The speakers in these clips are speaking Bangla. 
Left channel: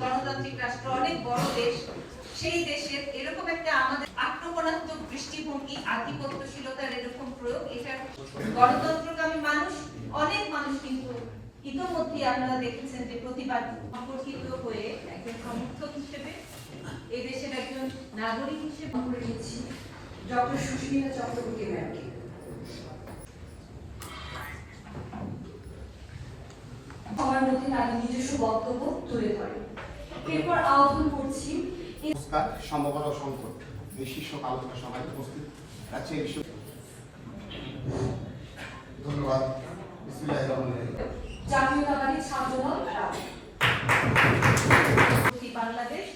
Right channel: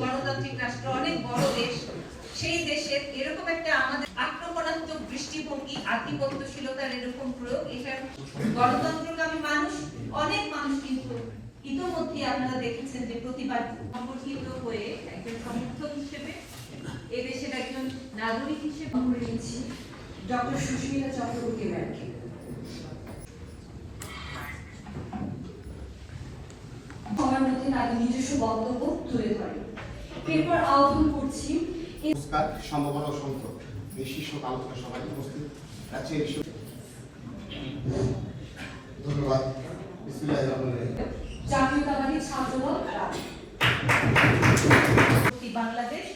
গণতান্ত্রিক রাষ্ট্র অনেক বড় দেশ। সেই দেশের এরকম একটা আমাদের আক্রমণাত্মক দৃষ্টিভঙ্গি, আধিপত্যশীলতার এরকম প্রয়োগ এটা গণতন্ত্রকামী মানুষ, অনেক মানুষ কিন্তু ইতোমধ্যে আপনারা দেখেছেন যে প্রতিবাদ সংগঠিত হয়ে একজন সমর্থক হিসেবে এদেশের একজন নাগরিক হিসেবে করে নিচ্ছি ডক্টর সুস্মিতা চক্রবর্তী ম্যামকে সবার মধ্যে তাদের নিজস্ব বক্তব্য তুলে ধরেন। এরপর আহ্বান করছি সম্ভাবনা এই শীর্ষক আলোচনা সভায় উপস্থিত আছে ধন্যবাদ। জাতীয়তাবাদী ছাত্রদল। বাংলাদেশ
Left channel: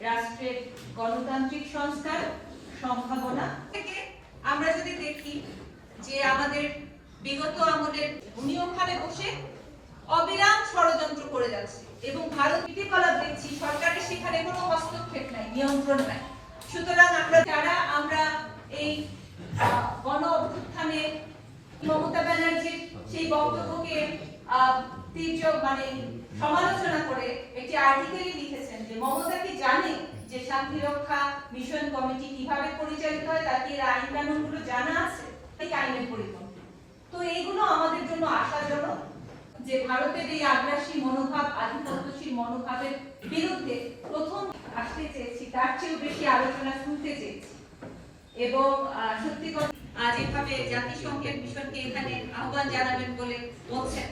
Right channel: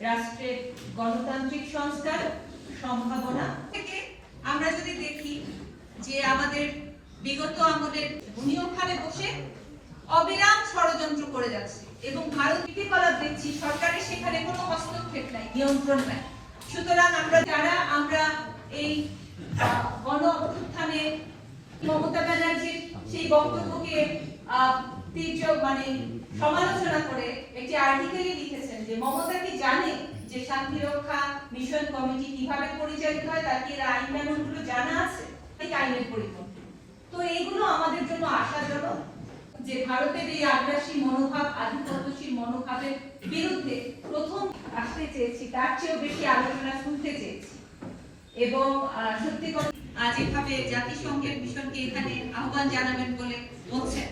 রাষ্ট্রের গণতান্ত্রিক সংস্কার সম্ভাবনা থেকে আমরা যদি দেখি যে আমাদের বিগত আমলের উনি ওখানে বসে অবিরাম ষড়যন্ত্র করে যাচ্ছে এবং ভারত কৃতিকলাপ দেখছি নিয়ন্ত্রণ নাই সুতরাং আমরা যারা আমরা এই গণ অভ্যুত্থানে মমতা ব্যানার্জির সেই বক্তব্যকে আহ, তীর্য মানে সমালোচনা করে একটি আর্টিকেলই লিখেছেন যে মমতা কি জানে যে শান্তি রক্ষা মিশন কমিটি কীভাবে পরিচালিত হয়? তার কি এর আইন কানুনগুলো জানা আছে? এই আইনের পরিপন্থী। তো এইগুলো আমাদের জন্য আশাজনক যে ভারতের এই আগ্রাসী মনোভাব আধিপত্যশীল মনোভাবের বিরুদ্ধে চেয়েছি, তার চেয়েও বেশি আলোচনা শুনতে চেয়েছি। এবং সত্যি কথা এভাবে জাতিসংঘের মিশনকে এখানে আহ্বান জানাবেন বলে বলছেন